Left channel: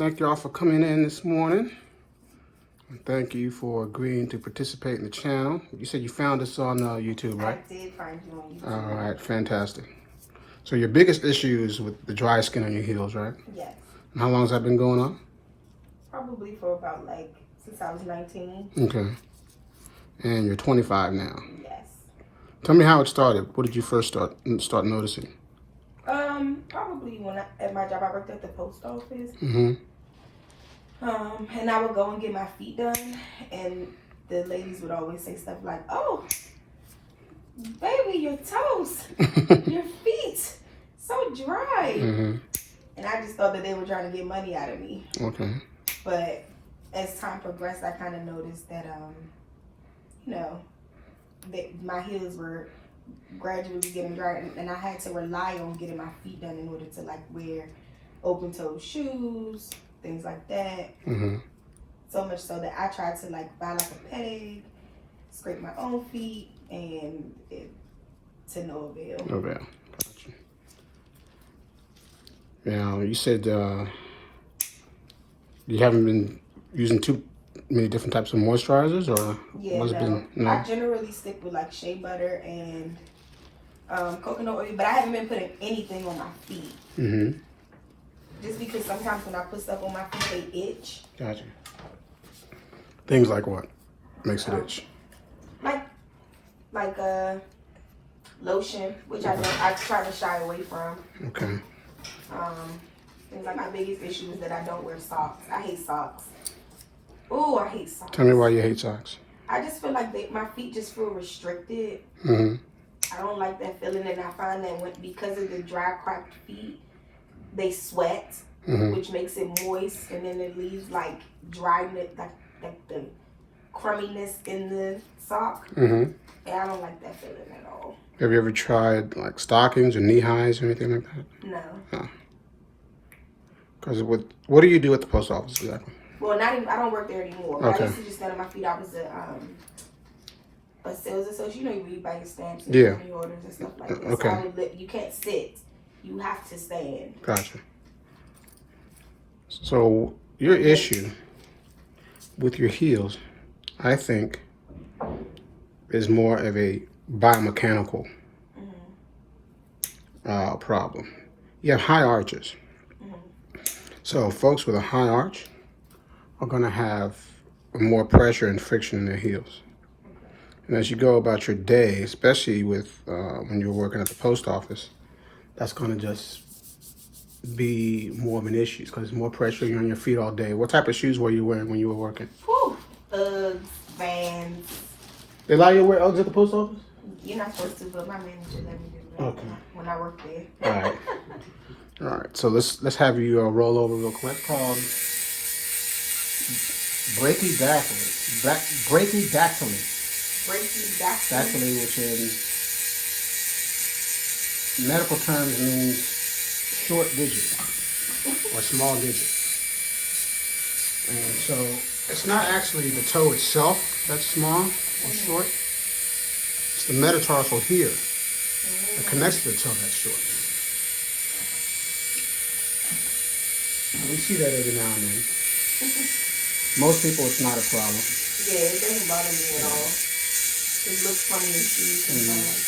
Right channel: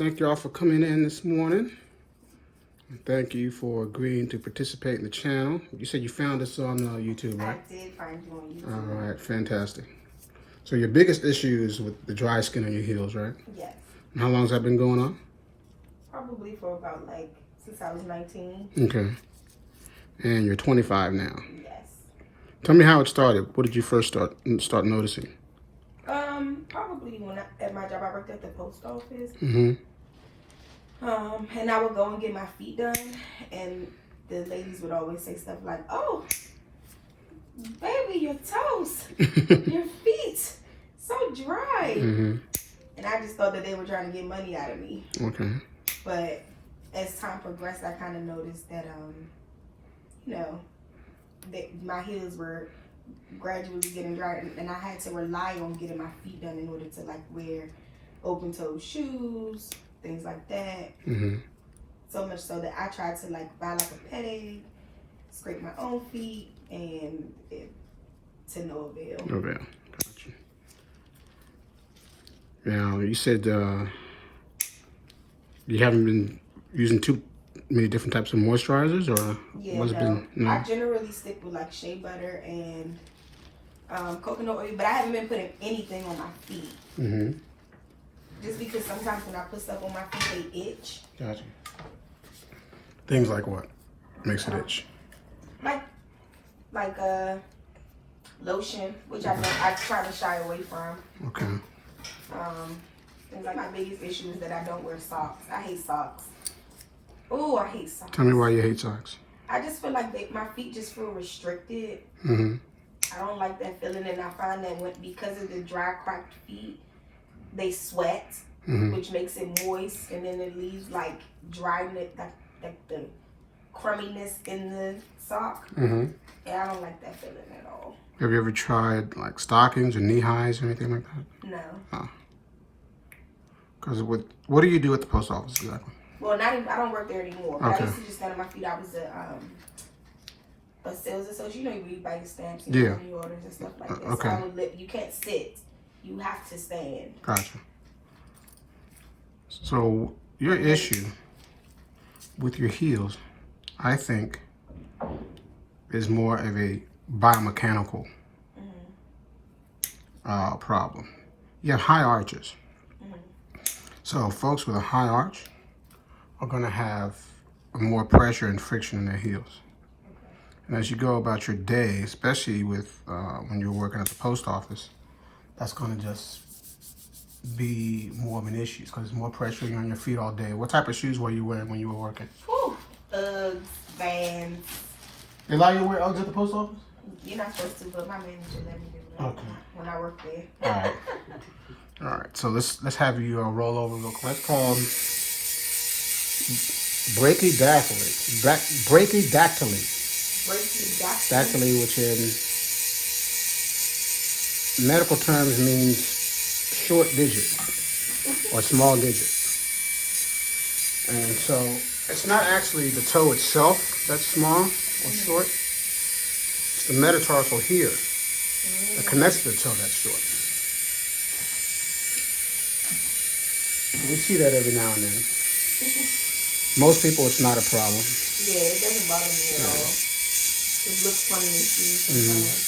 Thank you all for coming in this morning. And thank you for agreeing to participate in the channel. You said you found us on YouTube, right? I did find you on YouTube. All right, fantastic. So your biggest issue is with the dry skin on your heels, right? Yes. And how long has that been going on? Probably for about since I was 19. Okay. And you're 25 now. Yes. Tell me how it started. What did you first start noticing? Probably when at my job I worked at the post office. Mm-hmm. And I would go and get my feet done, and the ladies would always say stuff like, "Oh, baby, your toes, your feet, so dry." Mm-hmm. And I just thought that they were trying to get money out of me. Okay. But as time progressed, I kind of noticed that, that my heels were gradually getting dry, and I had to rely on getting my feet done in order to wear open toe shoes, things like that. Mm-hmm. So much so that I tried to buy a peg, scrape my own feet, and to no avail. No avail. Gotcha. Now you said you haven't been using too many different types of moisturizers, or what's been? No? I generally stick with sheabutter and coconut oil, but I haven't been putting anything on my feet. Mm-hmm. Just because sometimes when I put stuff on my feet, they itch. Gotcha. Things like what makes it itch? Like lotion, which I try to shy away from. Okay. Things like my biggest issue is that I don't wear socks. I hate socks. Oh, I hate socks. Tell me why you hate socks. I just feel like my feet just feel restricted. Mm-hmm. I don't like that feeling, and I find that because of the dry, cracked feet, they sweat, Mm-hmm. which makes it moist, and then it leaves dryness, like the crumminess in the sock. Mm-hmm. And I don't like that feeling at all. Have you ever tried stockings or knee highs or anything like that? No. Oh. Because what do you do at the post office exactly? Well, I don't work there anymore. Okay. I used to just stand on my feet. I was a sales associate. You know, you buy your stamps and Yeah. your orders and stuff like that. Okay. So you can't sit. You have to stand. Gotcha. So your issue with your heels, I think, is more of a biomechanical problem. You have high arches. So folks with a high arch are going to have more pressure and friction in their heels. And as you go about your day, especially with when you're working at the post office, that's going to just be more of an issue because there's more pressure on your feet all day. What type of shoes were you wearing when you were working? Whew. Uggs, Vans. They allow you to wear Uggs at the post office? You're not supposed to, but my manager let me do that when I worked there. All right. All right. So let's have you roll over real quick. That's called brachydactyly. Brachydactyly. Brachydactyly, which in medical terms means short digit or small digit. And so it's not actually the toe itself that's small or short. It's the metatarsal here that connects to the toe that's short. We see that every now and then. Most people, it's not a problem. Yeah, it doesn't bother me at all. It looks funny in shoes.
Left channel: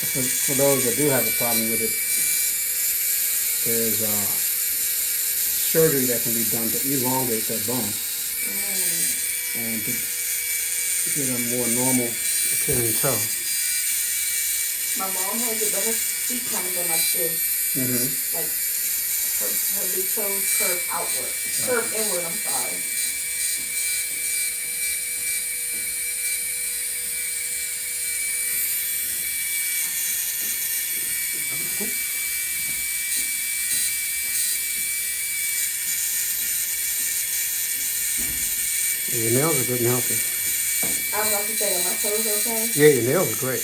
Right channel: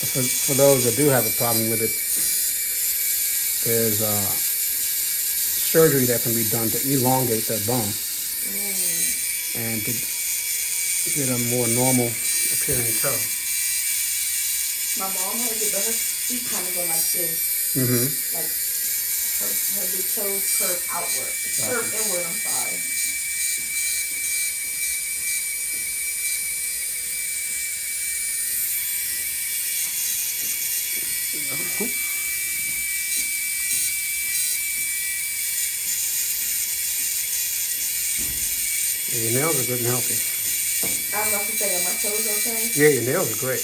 For those that do have a problem with it, there's surgery that can be done to elongate that bone and to get a more normal appearing toe. My mom has it, but her feet kind of go like this. Mm-hmm. Like her big toes curve outward. Curve inward, I'm sorry. Your nails are good and healthy. I was about to say, are my toes okay? Yeah, your nails are great.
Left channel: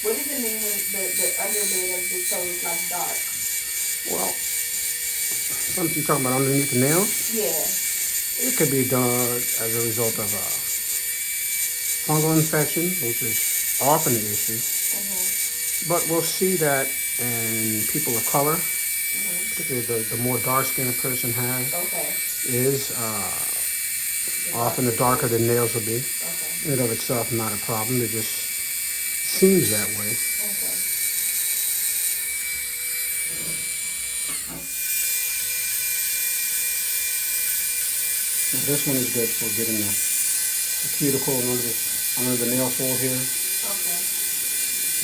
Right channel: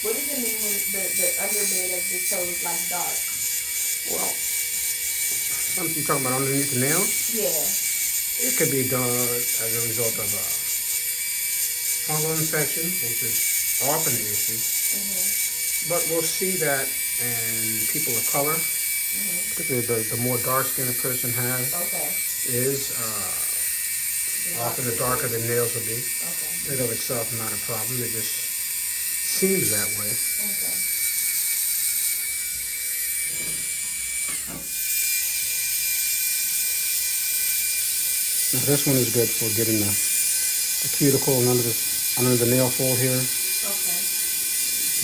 What does it mean when the underbed of the toe is dark? Well, something you're talking about underneath the nails? Yeah. It could be done as a result of fungal infection, which is often an issue. But we'll see that in people of color, particularly the more dark skin a person has, is often the darker the nails will be. In and of itself, not a problem. It just seems that way. Now this one is good for getting the cuticle and under the nail fold here.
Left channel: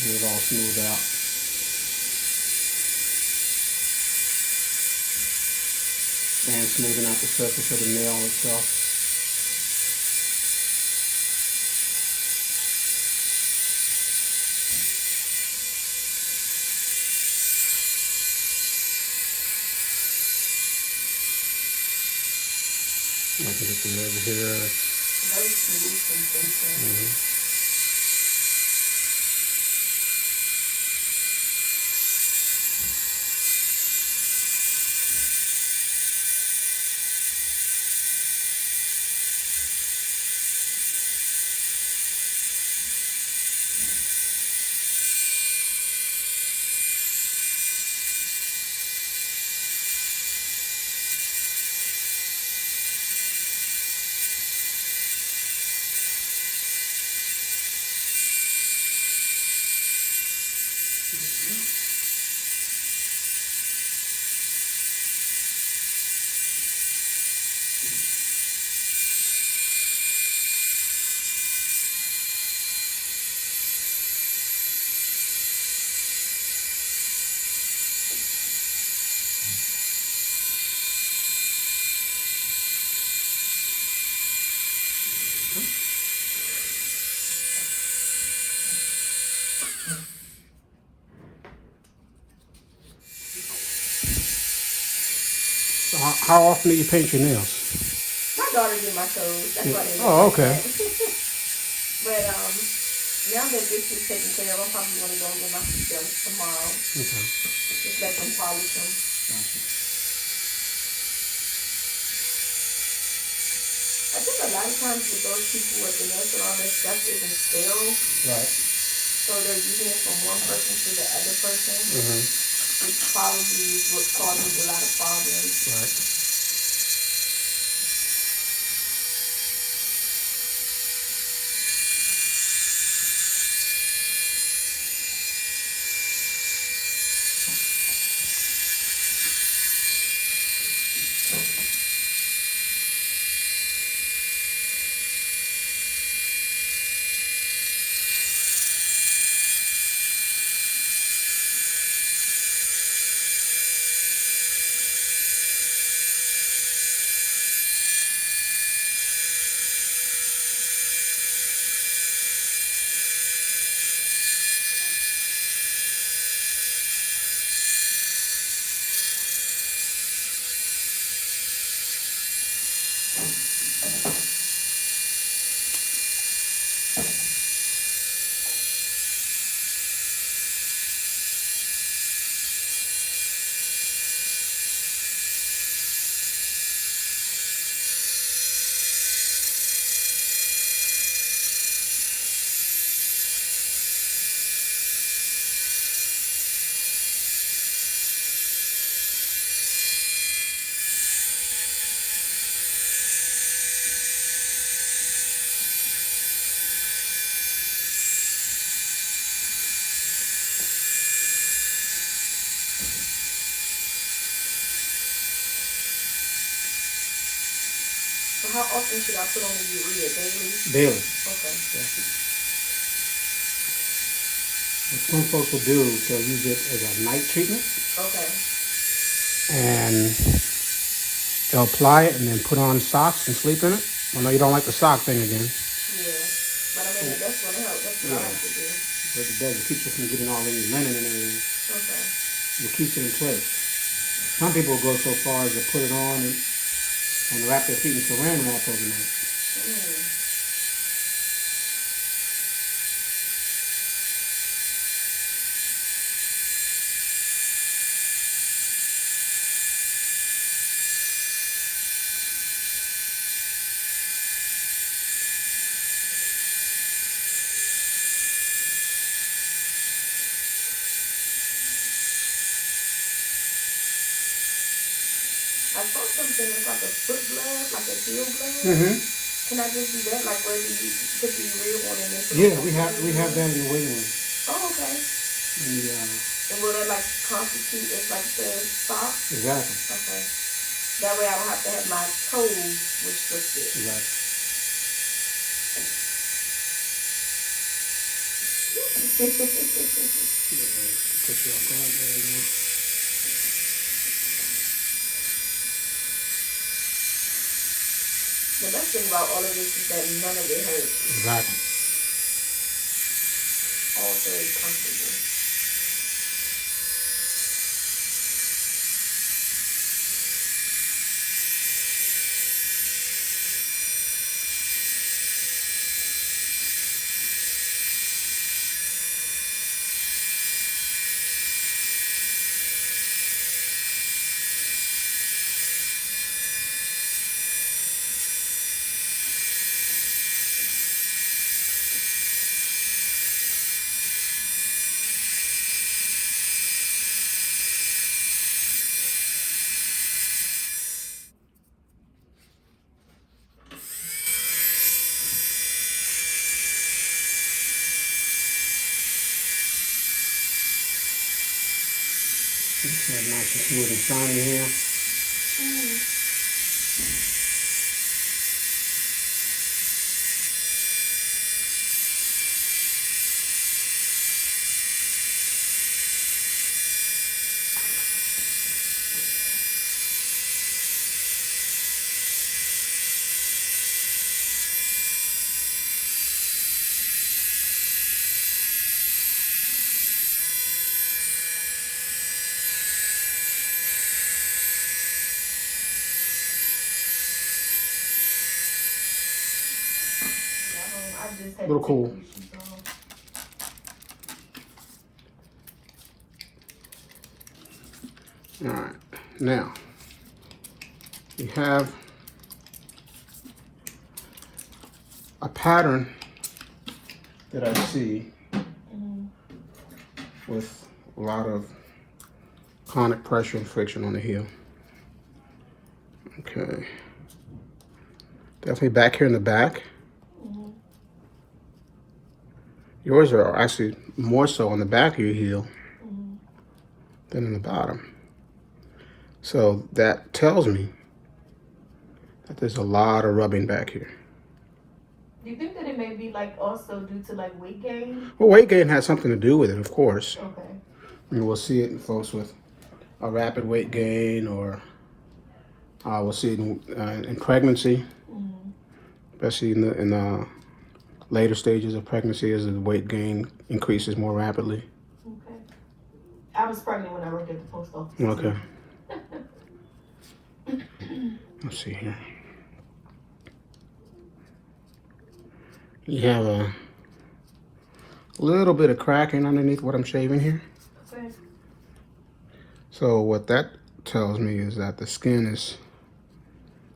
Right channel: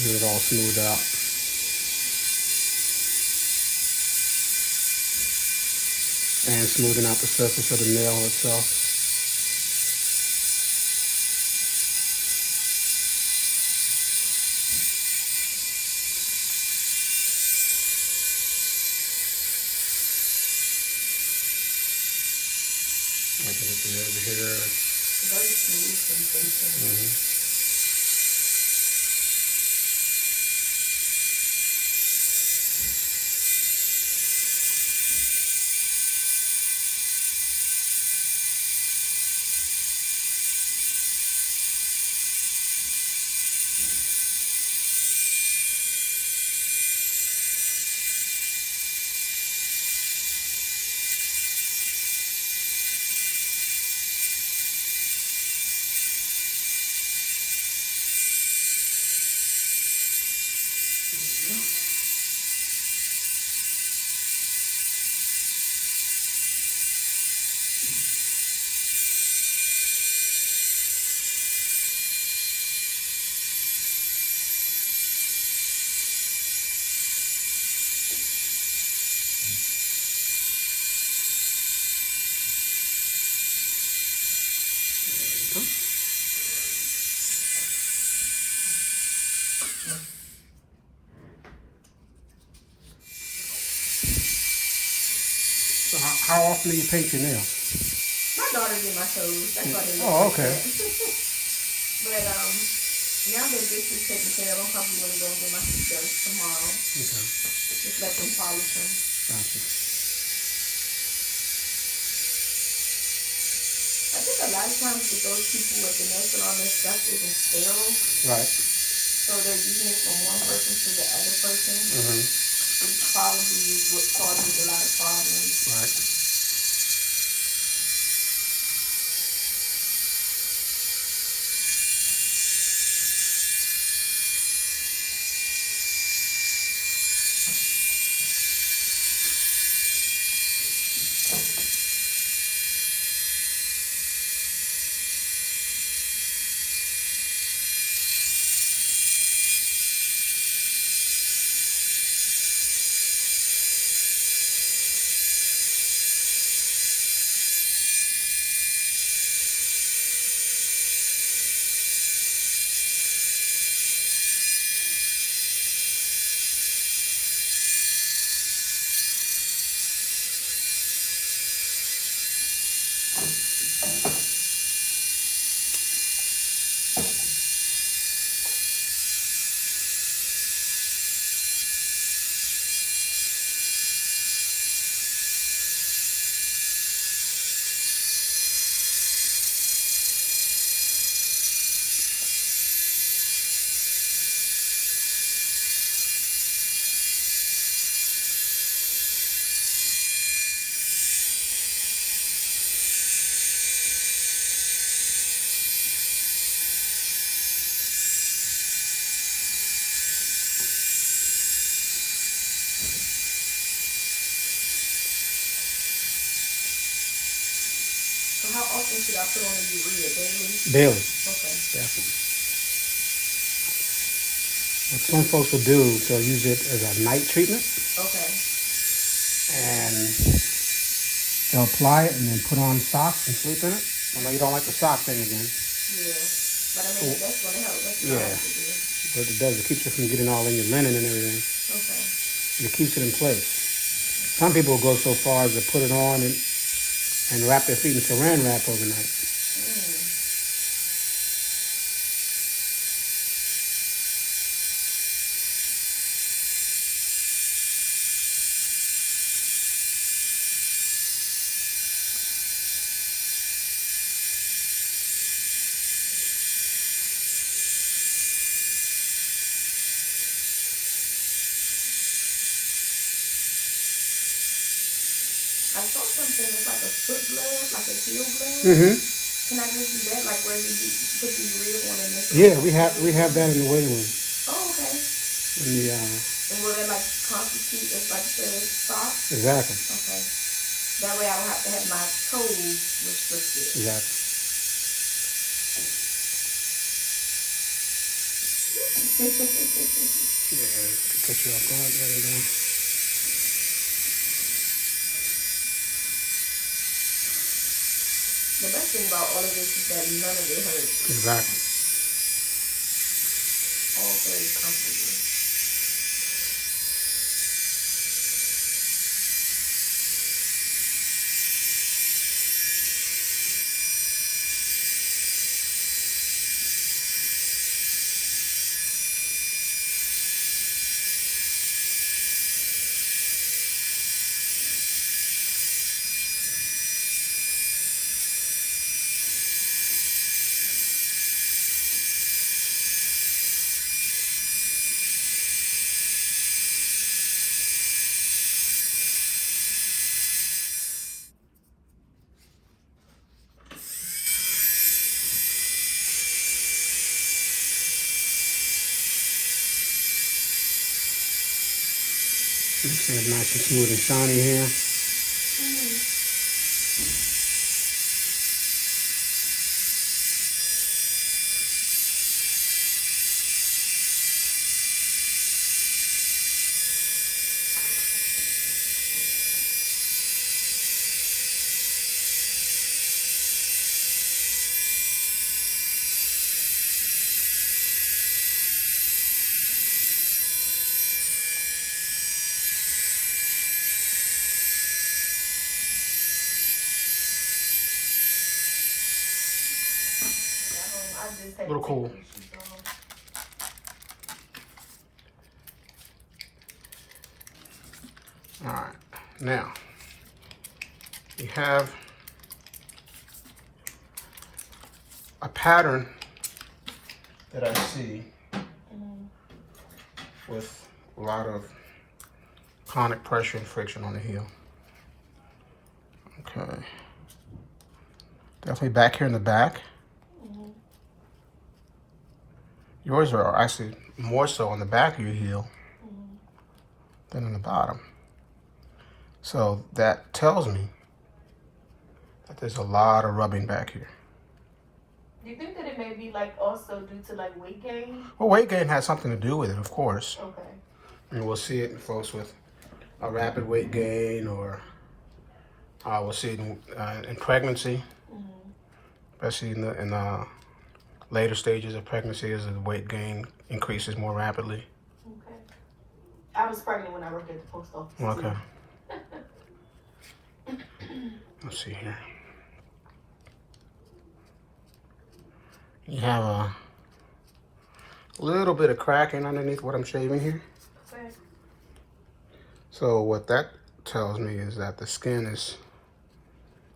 Get it all smoothed out. And smoothing out the surface of the nail itself. I can get it over here. Very smooth sensation. So how often do you paint your nails? My daughter did my toes. That's why they look Oh, like okay. that. But now that this is taken care of, I'm probably gonna go and get my feet done tomorrow. Okay. Just let them polish them. Gotcha. I think a lot of times with those people with the nail salon, their stuff isn't sterile. Right. So they're using it from one person to the other person. Which probably is what causes a lot of problems. Right. So how often should I put on the urea? Daily? Daily. Okay. Definitely. What some folks will do is they'll use it as a night treatment. Okay. And they'll apply it and then put on socks and sleep in it. I know you don't like the sock thing again. Yeah. But I mean, that's going to help. That's what I have to do. But it does. It keeps it from getting all in your linen and everything. Okay. And it keeps it in place. Some people will go so far as to put it on and wrap their feet in saran wrap overnight. I saw something that's like a foot blast, like a heel blast. Mm-hmm. Can I just do that, like where you put the rib on and then put Yeah, it we have that in the waiting room. Oh, okay. And will it like constitute as like the sock? Exactly. Okay. That way I don't have to have my toes restricted. Exactly. Catch you off guard. There we go. The best thing about all of this is that none of it hurts. Exactly. All very comfortable. It's nice and smooth and shiny here. A little cool. All right, now we have a pattern that I see with a lot of chronic pressure and friction on the heel. Okay, definitely back here in the back. Yours are actually more so on the back of your heel than on the bottom. So that tells me that there's a lot of rubbing back here. Do you think that it may be like also due to like weight gain? Well, weight gain has something to do with it, of course. Okay. And we'll see it in folks with a rapid weight gain, or we'll see it in pregnancy, especially in the later stages of pregnancy as the weight gain increases more rapidly. Okay. I was pregnant when I worked at the post office. Okay. Let's see here. You have a little bit of cracking underneath what I'm shaving here. Okay. So what that tells me is that the skin is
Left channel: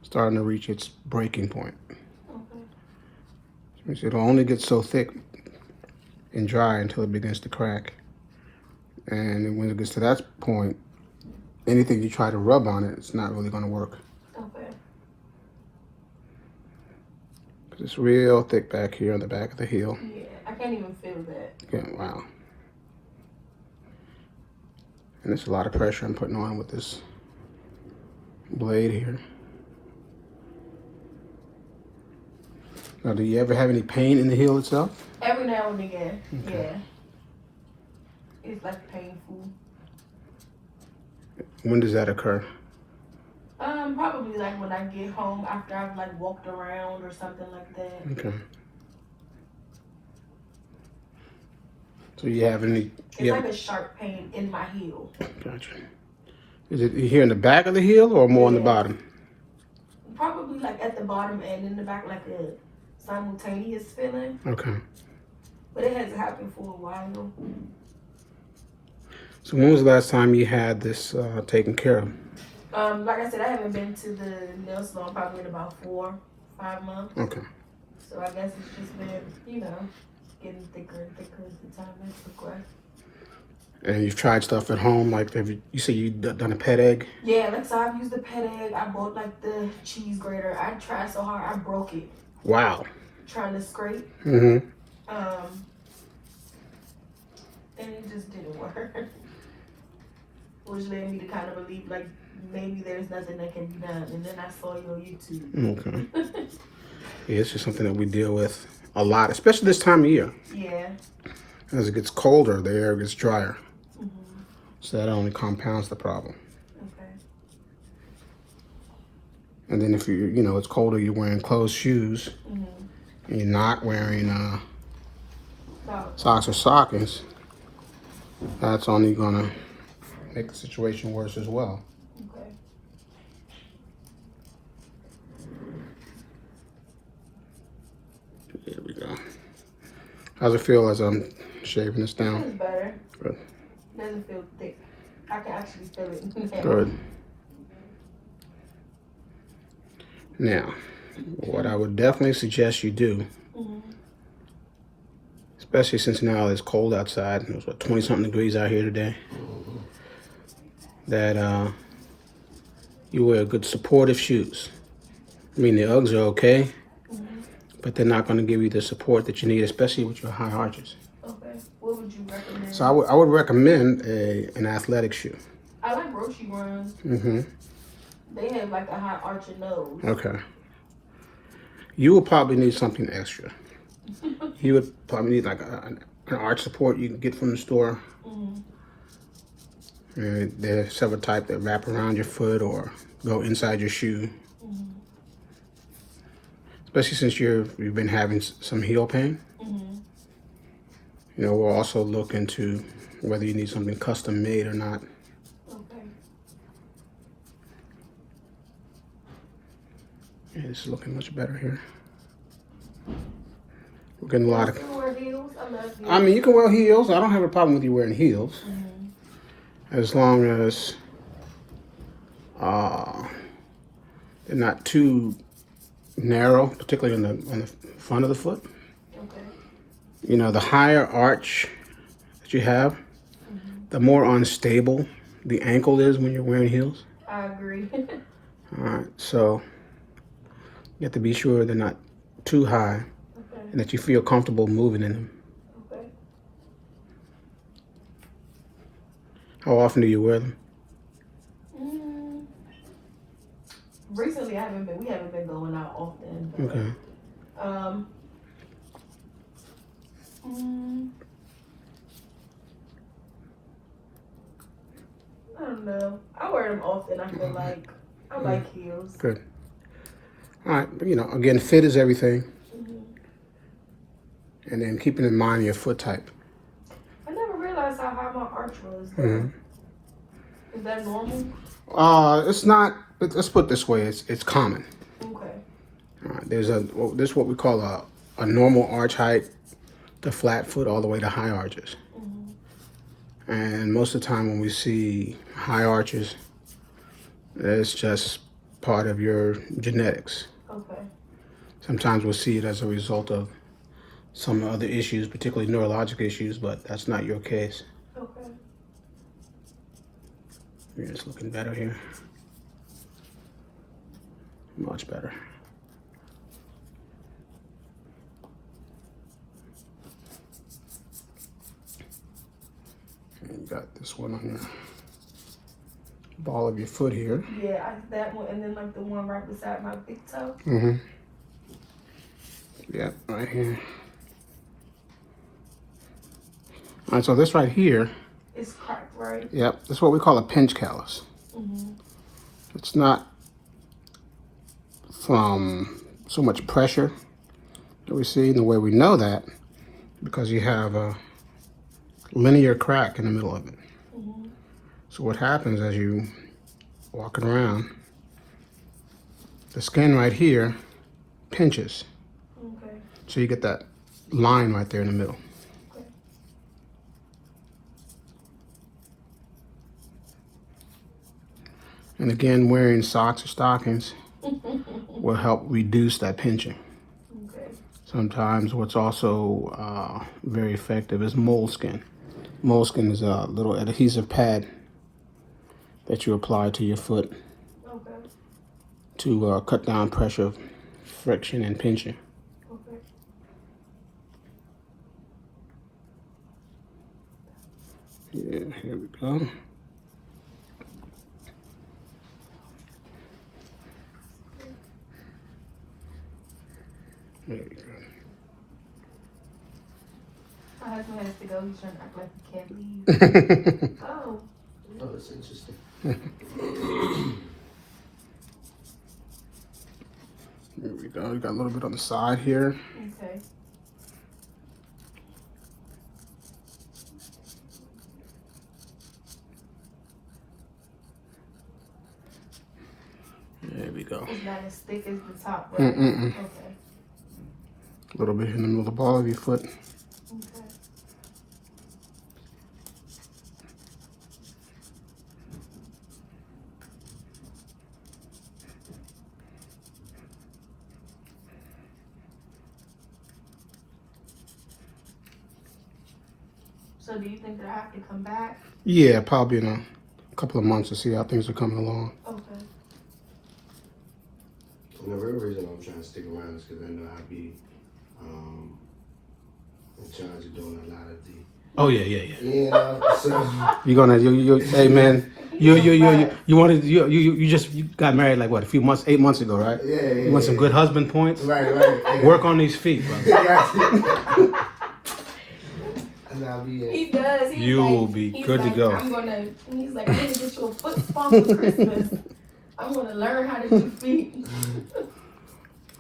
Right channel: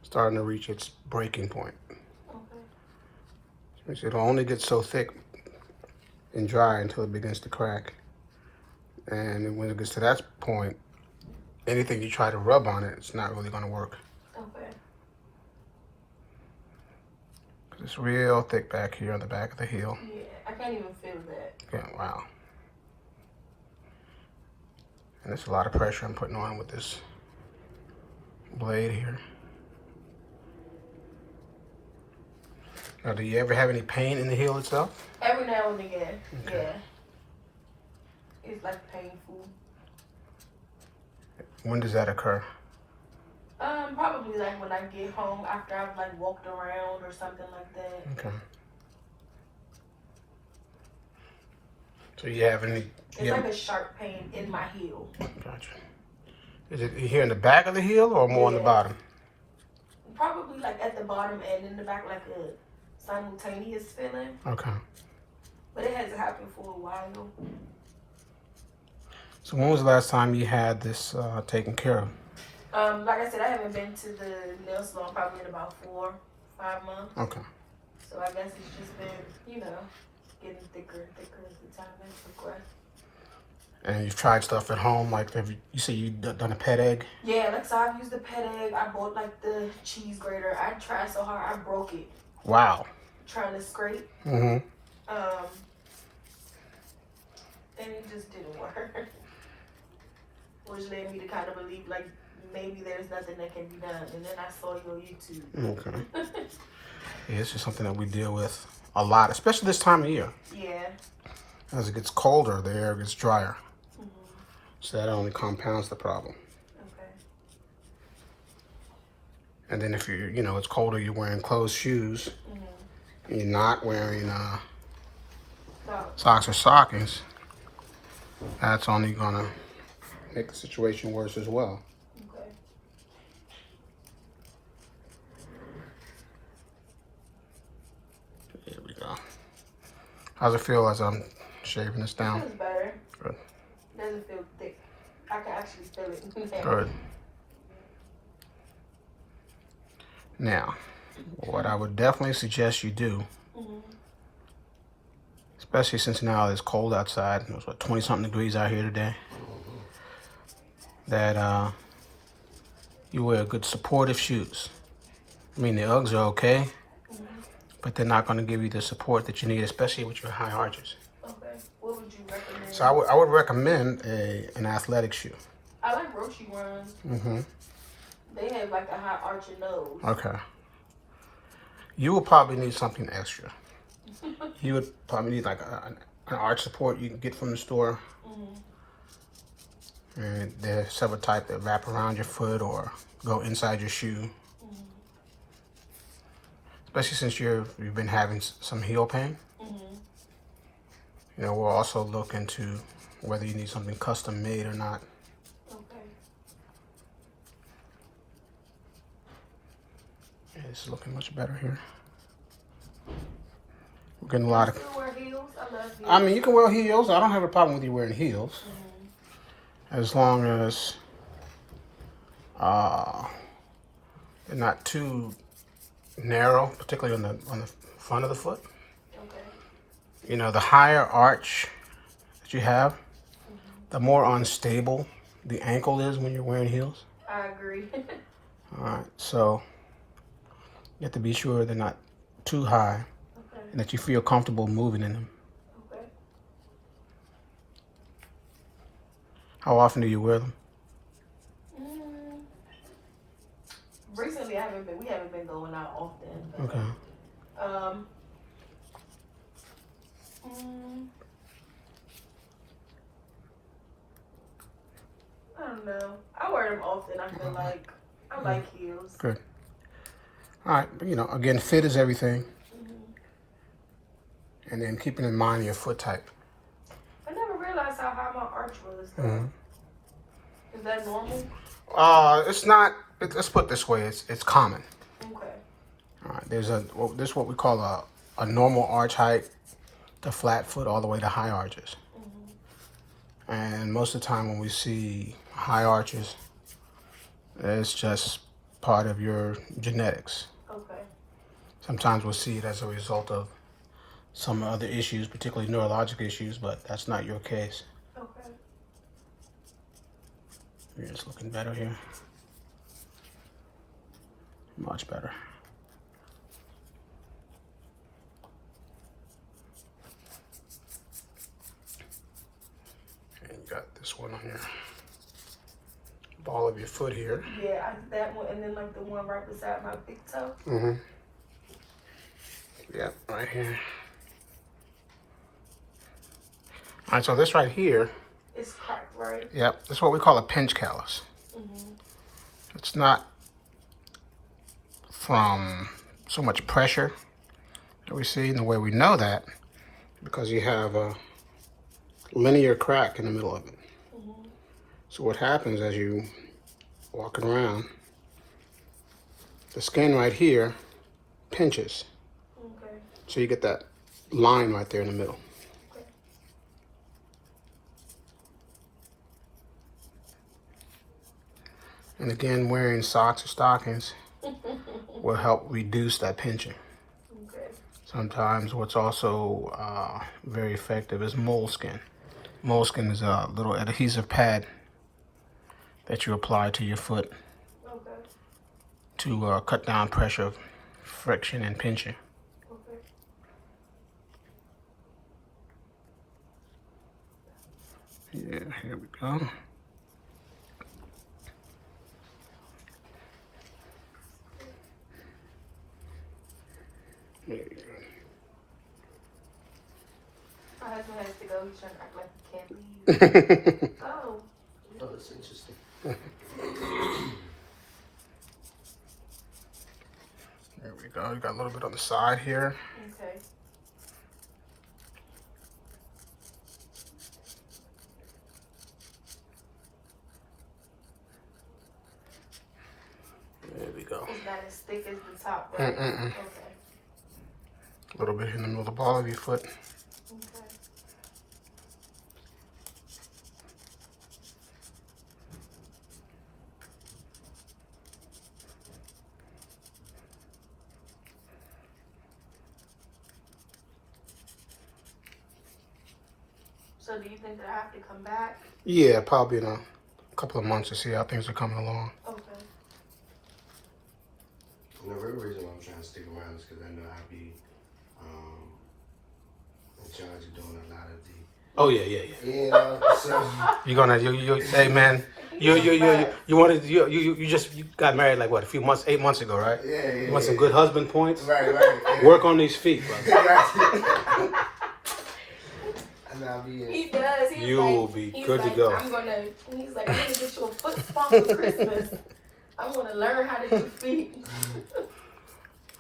starting to reach its breaking point. Okay. It'll only get so thick and dry until it begins to crack. And when it gets to that point, anything you try to rub on it, it's not really going to work. Okay. Because it's real thick back here on the back of the heel. Yeah, I can't even feel that. Yeah, wow. And there's a lot of pressure I'm putting on with this blade here. Now, do you ever have any pain in the heel itself? Every now and again, okay. Yeah. It's like painful. When does that occur? Probably like when I get home after I've like walked around or something like that. Okay. So you have any? It's like a sharp pain in my heel. Gotcha. Is it here in the back of the heel or more on the bottom? Probably like at the bottom and in the back, like a simultaneous feeling. Okay. But it has happened for a while. So when was the last time you had this taken care of? Like I said, I haven't been to the nail salon probably in about 4 or 5 months. Okay. So I guess it's just been, you know, getting thicker and thicker as the time has progressed. And you've tried stuff at home, like you say you done a pet egg? Yeah, like so I've used the pet egg. I bought like the cheese grater. I tried so hard, I broke it. Wow. Trying to scrape. Mm-hmm. And it just didn't work. Which led me to kind of believe like maybe there's nothing that can be done. And then I saw your YouTube. Okay. Yeah, it's just something that we deal with a lot, especially this time of year. Yeah. As it gets colder, the air gets drier. Mm-hmm. So that only compounds the problem. Okay. And then if it's colder, you're wearing closed shoes. Mm-hmm. And you're not wearing socks or stockings. That's only gonna make the situation worse as well. Okay. Here we go. How's it feel as I'm shaving this down? It's better. Good. It doesn't feel thick. I can actually feel it. Good. Now, what I would definitely suggest you do, especially since now it's cold outside, it was 20-something degrees out here today, that you wear good supportive shoes. I mean, the Uggs are okay, but they're not going to give you the support that you need, especially with your high arches. Okay. What would you recommend? So I would recommend an athletic shoe. I like Roshi ones. Mm-hmm. They have like a high arching nose. Okay. You will probably need something extra. You would probably need like an arch support you can get from the store. And there are several types that wrap around your foot or go inside your shoe. Especially since you've been having some heel pain. We'll also look into whether you need something custom made or not. Okay. Yeah, this is looking much better here. We're getting a lot of... I mean, you can wear heels. I don't have a problem with you wearing heels. As long as they're not too narrow, particularly on the front of the foot. Okay. The higher arch that you have, the more unstable the ankle is when you're wearing heels. I agree. All right, so you have to be sure they're not too high and that you feel comfortable moving in them. Okay. How often do you wear them? Recently, we haven't been going out often. Okay. I don't know. I wear them often. I feel like I like heels. Good. All right, but again, fit is everything. And then keeping in mind your foot type. I never realized how high my arch was. Is that normal? It's not. Let's put it this way. It's common. Okay. All right. There's what we call a normal arch height to flat foot all the way to high arches. And most of the time when we see high arches, it's just part of your genetics. Okay. Sometimes we'll see it as a result of some other issues, particularly neurologic issues, but that's not your case. Okay. Yeah, it's looking better here. Much better. And you got this one on your ball of your foot here. Yeah, that one, and then like the one right beside my big toe. Yeah, right here. All right, so this right here. It's cracked, right? Yep, that's what we call a pinch callus. It's not from so much pressure that we see. And the way we know that, because you have a linear crack in the middle of it. So what happens as you walking around, the skin right here pinches. Okay. So you get that line right there in the middle. And again, wearing socks or stockings will help reduce that pinching. Okay. Sometimes what's also very effective is moleskin. Moleskin is a little adhesive pad that you apply to your foot Okay. to cut down pressure, friction, and pinching. Okay. Yeah, here we go. There we go. My husband has to go. He's trying to act like he can't leave. Oh. Oh, that's interesting. Here we go. We got a little bit on the side here. Okay. There we go. It's not as thick as the top, right? Mm-mm-mm. Okay. A little bit in the middle of the ball of your foot. Okay. So do you think that I have to come back? Yeah, probably in a couple of months to see how things are coming along. Okay. And the real reason I'm trying to stick around is because I know I'll be in charge of doing a lot of the. Oh yeah. You know, so You're gonna hey man, you just got married like what, 8 months ago, right? yeah. You want some good husband points? Right. Yeah. Work on these feet. Right. And I'll be He does. He's You like, will be he's good to like, go. He's like, I'm gonna get you a foot spa for Christmas. I'm gonna learn how to do feet.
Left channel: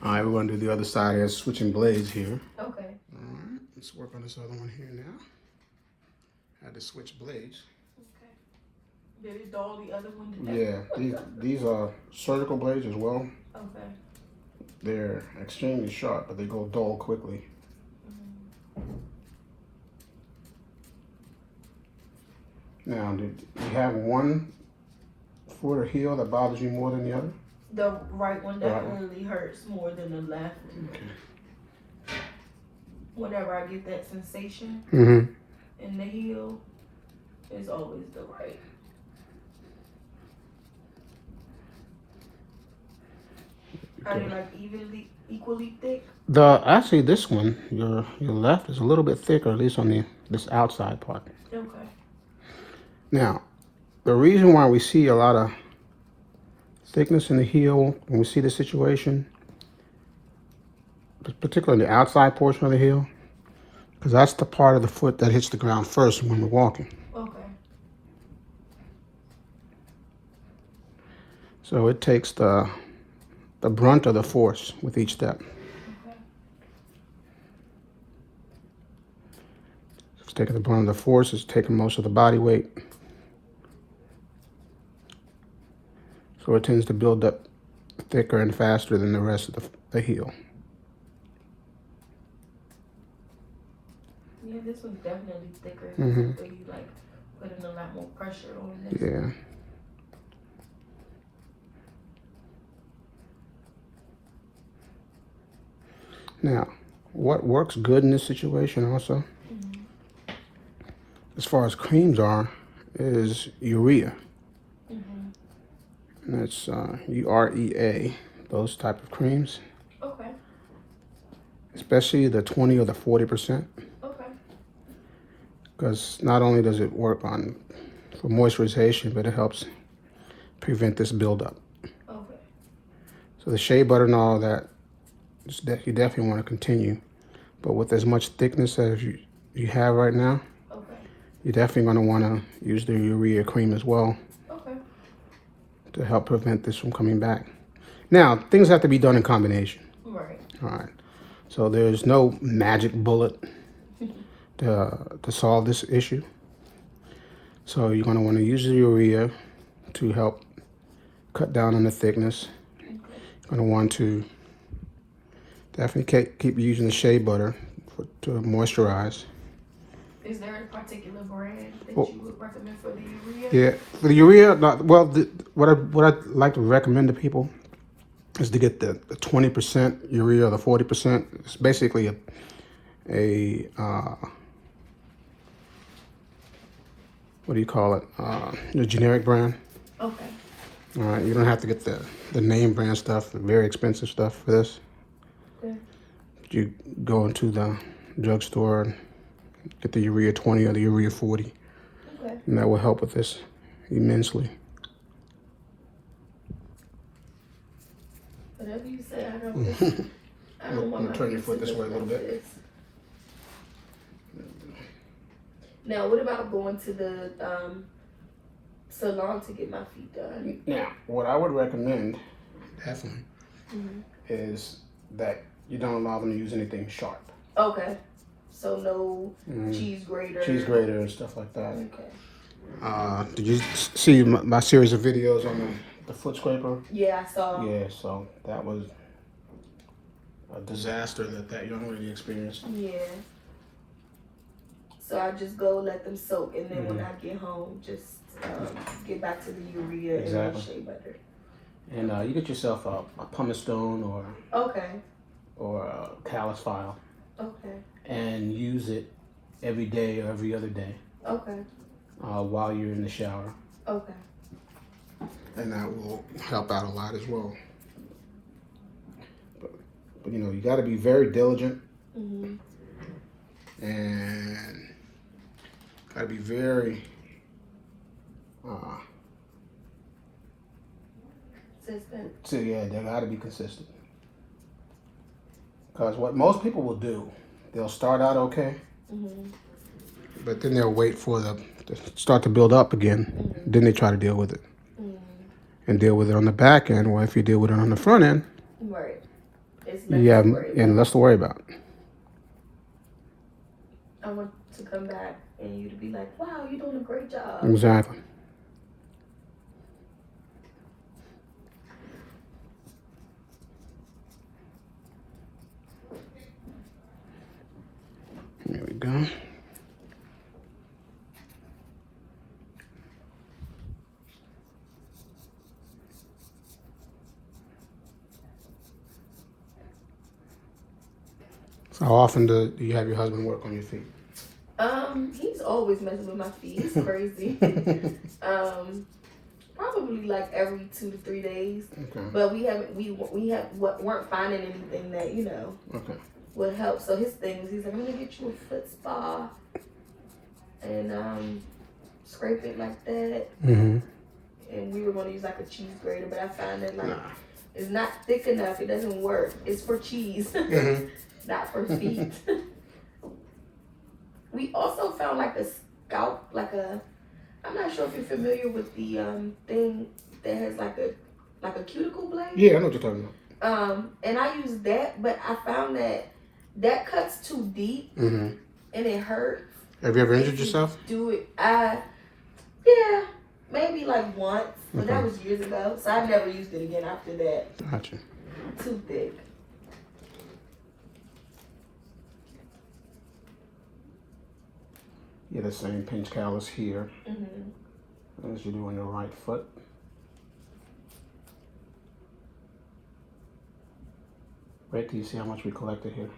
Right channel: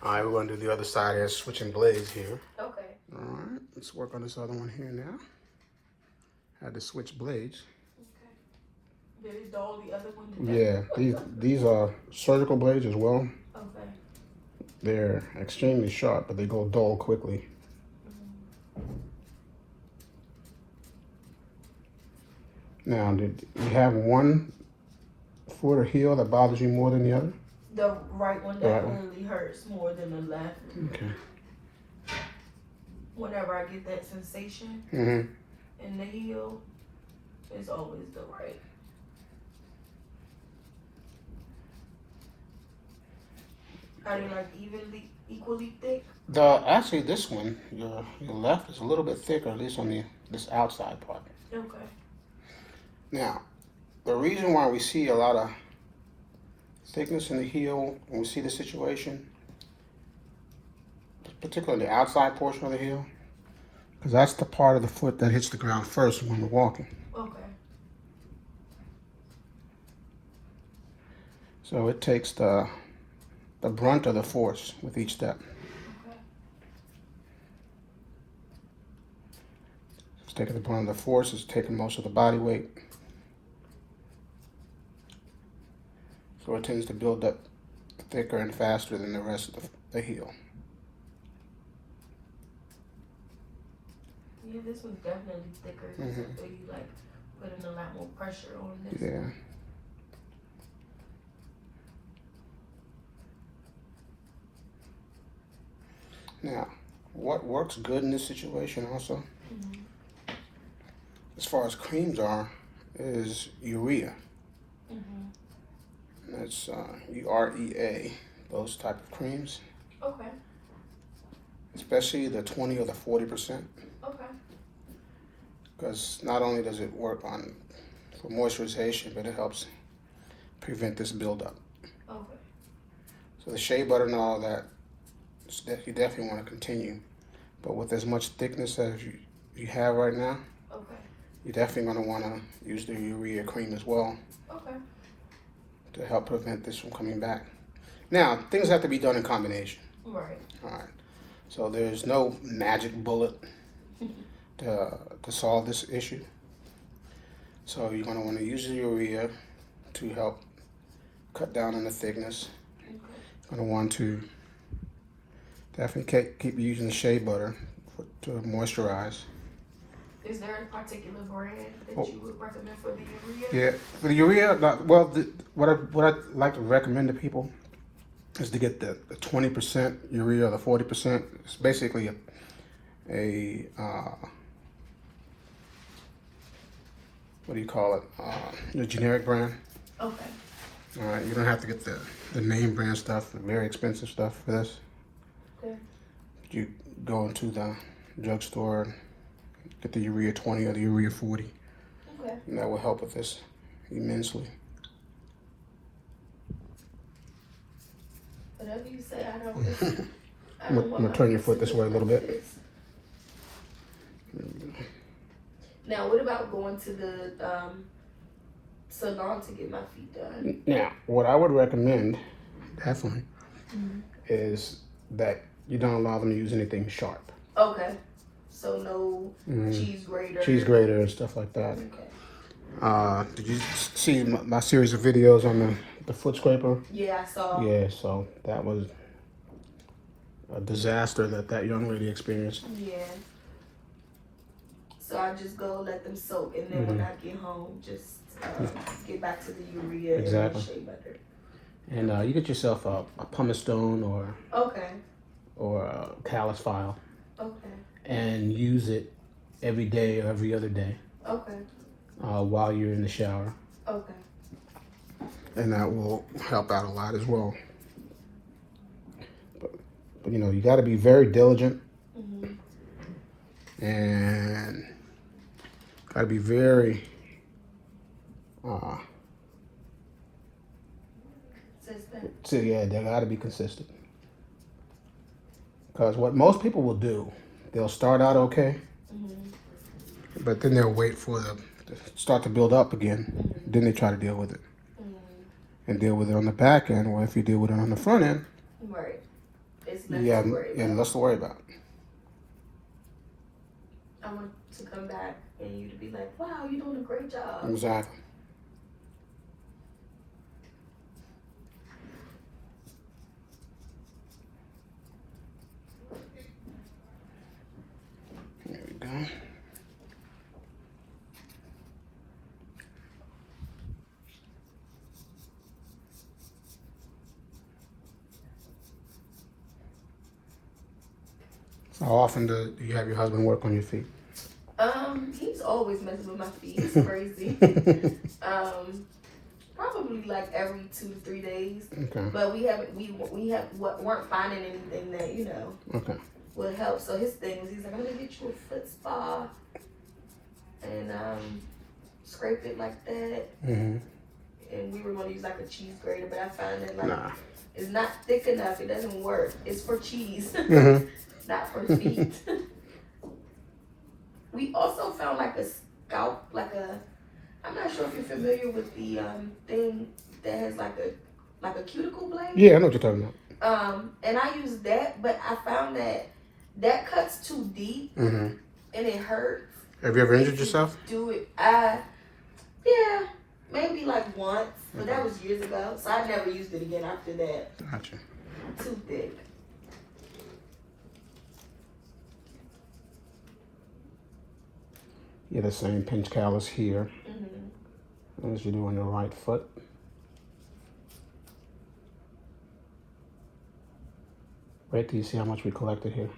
All right, we're gonna do the other side here, switching blades here. Okay. All right, let's work on this other one here now. Had to switch blades. Okay. Did it dull the other one? Yeah, these are surgical blades as well. Okay. They're extremely sharp, but they go dull quickly. Now, did you have one foot or heel that bothers you more than the other? The right one definitely hurts more than the left. Okay. Whenever I get that sensation Mm-hmm. in the heel, it's always the right. Are they like equally thick? Actually this one, your left is a little bit thicker, at least on this outside part. Okay. Now, the reason why we see a lot of thickness in the heel when we see the situation, particularly the outside portion of the heel, because that's the part of the foot that hits the ground first when we're walking. Okay. So it takes the brunt of the force with each step. Okay. It's taking the brunt of the force, it's taking most of the body weight. So it tends to build up thicker and faster than the rest of the heel. Yeah, this one's definitely thicker. Mhm. So you like putting a lot more pressure on this. Yeah. Now, what works good in this situation also, as far as creams are, is urea. And that's UREA, those type of creams, Okay. especially the 20 or the 40%, Okay. because not only does it work for moisturization, but it helps prevent this buildup. Okay. So the shea butter and all of that, you definitely want to continue, but with as much thickness as you have right now, Okay. you're definitely going to want to use the urea cream as well Okay. to help prevent this from coming back. Now, things have to be done in combination. Right. All right. So there's no magic bullet to solve this issue. So you're going to want to use the urea to help cut down on the thickness. Okay. You're going to want to definitely keep using the shea butter to moisturize. Is there a particular brand that you would recommend for the urea? Yeah, for the urea, well, what I like to recommend to people is to get the 20% urea, the 40%. It's basically what do you call it? The generic brand. Okay. All right, you don't have to get the name brand stuff, the very expensive stuff for this. Okay. You go into the drugstore and get the urea 20 or the urea 40, Okay. and that will help with this immensely. Whatever you say, I don't. I I'm don't want gonna my turn your feet foot to this way a look little like bit. this. Now, what about going to the salon to get my feet done? Now, what I would recommend, definitely, is that you don't allow them to use anything sharp. Okay. So no cheese grater. Cheese grater and stuff like that. Okay. Did you see my series of videos on the foot scraper? Yeah, I saw. Yeah, so that was a disaster that young lady experienced. Yeah. So I just go let them soak, and then when I get home, just get back to the urea and the shea butter. And you get yourself a pumice stone or a Callus file. Okay. And use it every day or every other day. Okay. While you're in the shower. Okay. And that will help out a lot as well. But you know, you got to be very diligent. And got to be very consistent. so yeah, they got to be consistent. Because what most people will do, they'll start out okay, but then they'll wait for to start to build up again. Then they try to deal with it. And deal with it on the back end, or if you deal with it on the front end, right. It's less to worry about. I want to come back and you to be like, wow, you're doing a great job. Exactly. There we go. So how often do you have your husband work on your feet? He's always messing with my feet. It's crazy. Probably like every 2 to 3 days. Okay. But weren't finding anything that would help. So his thing is, he's like, I'm gonna get you a foot spa and scrape it like that. And we were gonna use like a cheese grater, but I found that it's not thick enough. It doesn't work. It's for cheese, not for feet. We also found like a scalp, I'm not sure if you're familiar with the thing that has like a cuticle blade. Yeah, I know what you're talking about. And I used that, but I found that cuts too deep and it hurts. Have you ever injured yourself? Do it. Yeah, maybe like once, but that was years ago. So I've never used it again after that. Gotcha. Too thick. Yeah, the same pinch callus here as you do on the right foot. Wait till you see how much we collected here.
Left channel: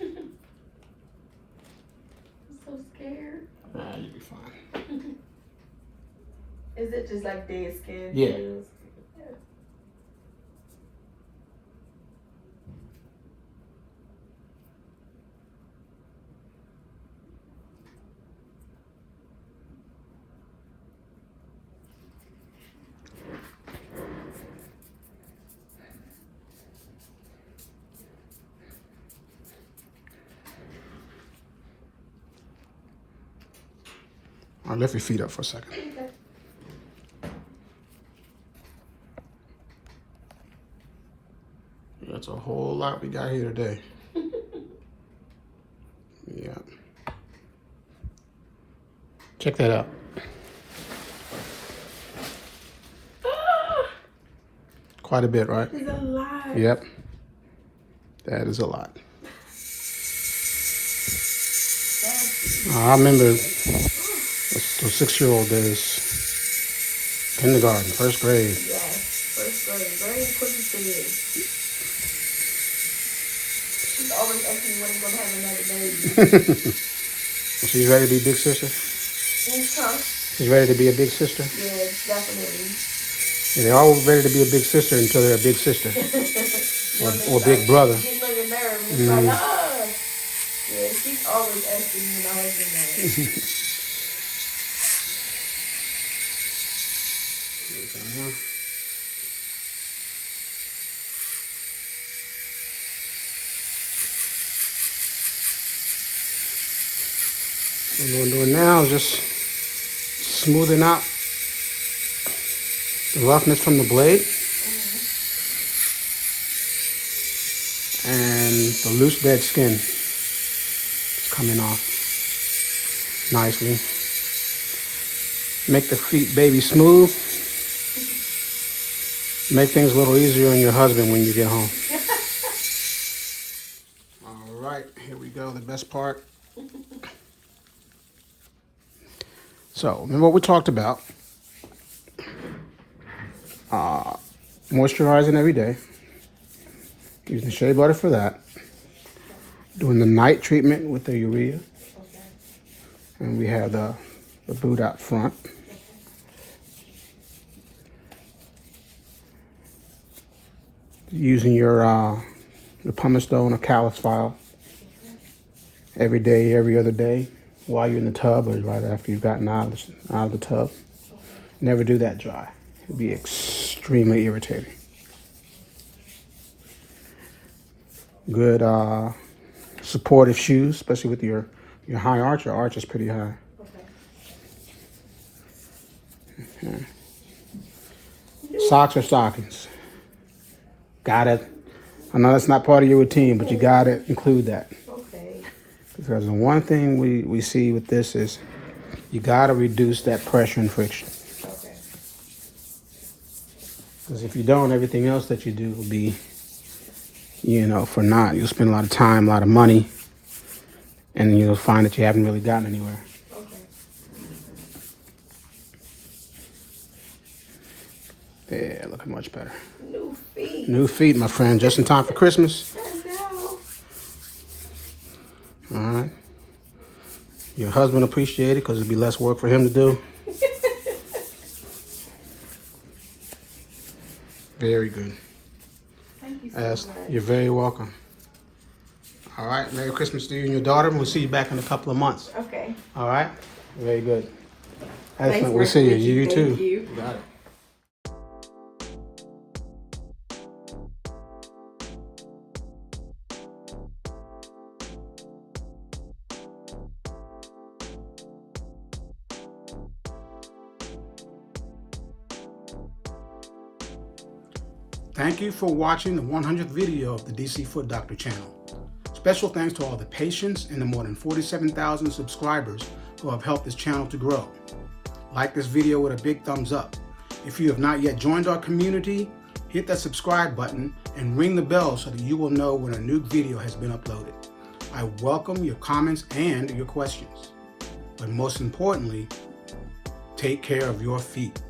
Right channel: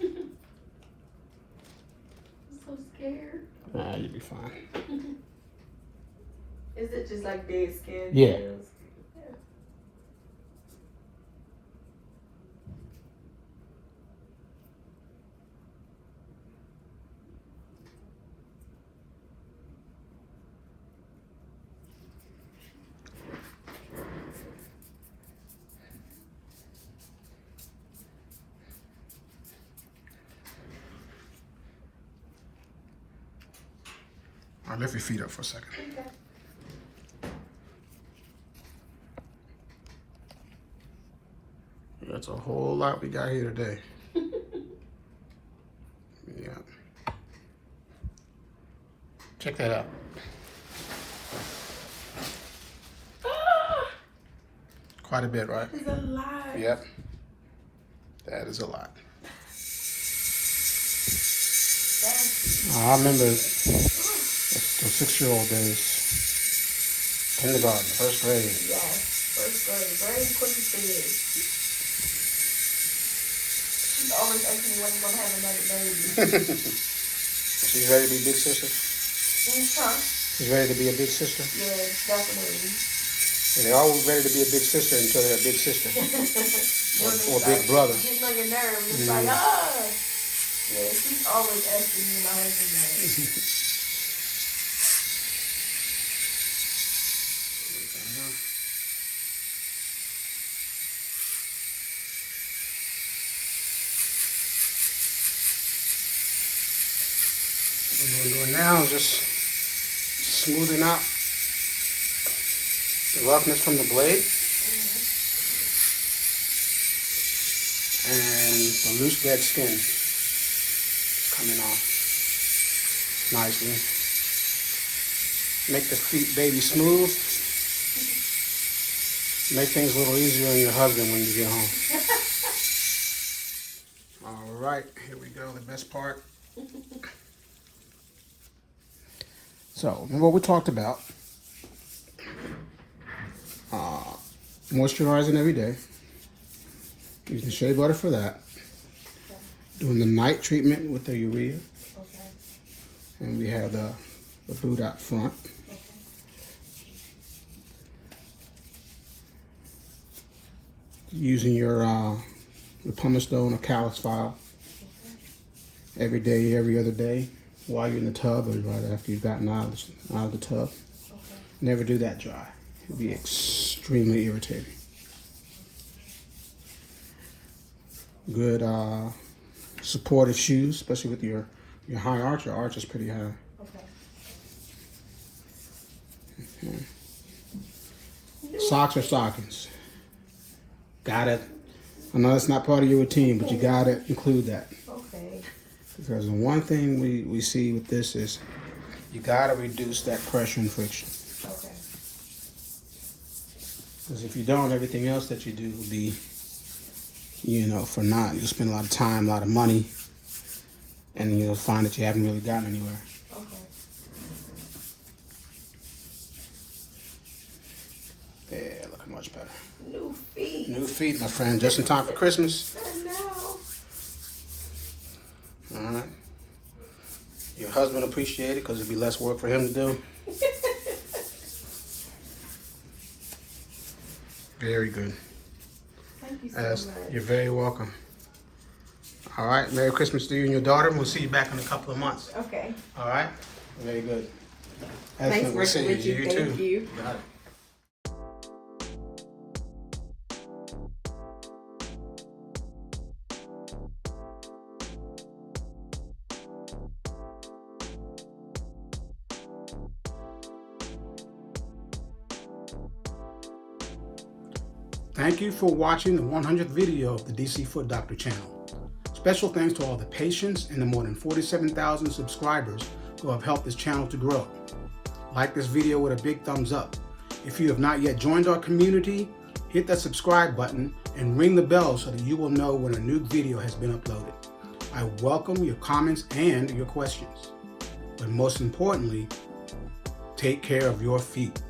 I'm so scared. Nah, you'll be fine. Is it just like dead skin? Yeah. I'll lift your feet up for a second. Okay. That's a whole lot we got here today. Yeah. Check that out. Quite a bit, right? It's a lot. Yep. That is a lot. I remember the 6-year-old days. Kindergarten, first grade. Yes, first grade. Very quickly to live. She's always asking me when I'm going to have another baby. So you ready to be big sister? She's ready to be a big sister? Yes, definitely. And they're all ready to be a big sister until they're a big sister. or big brother. Getting on your nerves. It's like, ah. Yeah, she's always asking me my husband that. What we're doing now is just smoothing out the roughness from the blade and the loose dead skin is coming off nicely. Make the feet baby smooth. Make things a little easier on your husband when you get home. All right, here we go, the best part. So, remember what we talked about. Moisturizing every day. Using shea butter for that. Doing the night treatment with the urea. And we have the boot out front. Using your pumice stone or callus file every day, every other day, while you're in the tub or right after you've gotten out of the tub. Never do that dry. It'll be extremely irritating. Good supportive shoes, especially with your high arch. Your arch is pretty high. Okay. Socks or stockings. Got it. I know that's not part of your routine, but you got to include that. Okay. Because the one thing we see with this is you got to reduce that pressure and friction. Okay. Because if you don't, everything else that you do will be, for naught. You'll spend a lot of time, a lot of money, and you'll find that you haven't really gotten anywhere. Okay. Yeah, looking much better. New feet. New feet, my friend, just in time for Christmas. I know. All right. Your husband appreciate it because it'll be less work for him to do. Very good. Thank you so much. You're very welcome. All right. Merry Christmas to you and your daughter. We'll see you back in a couple of months. Okay. All right. Very good. Nice We'll see working you. with you. You Thank too. you. Got it. Thank you for watching the 100th video of the DC Foot Doctor channel. Special thanks to all the patients and the more than 47,000 subscribers who have helped this channel to grow. Like this video with a big thumbs up. If you have not yet joined our community, hit that subscribe button and ring the bell so that you will know when a new video has been uploaded. I welcome your comments and your questions. But most importantly, take care of your feet.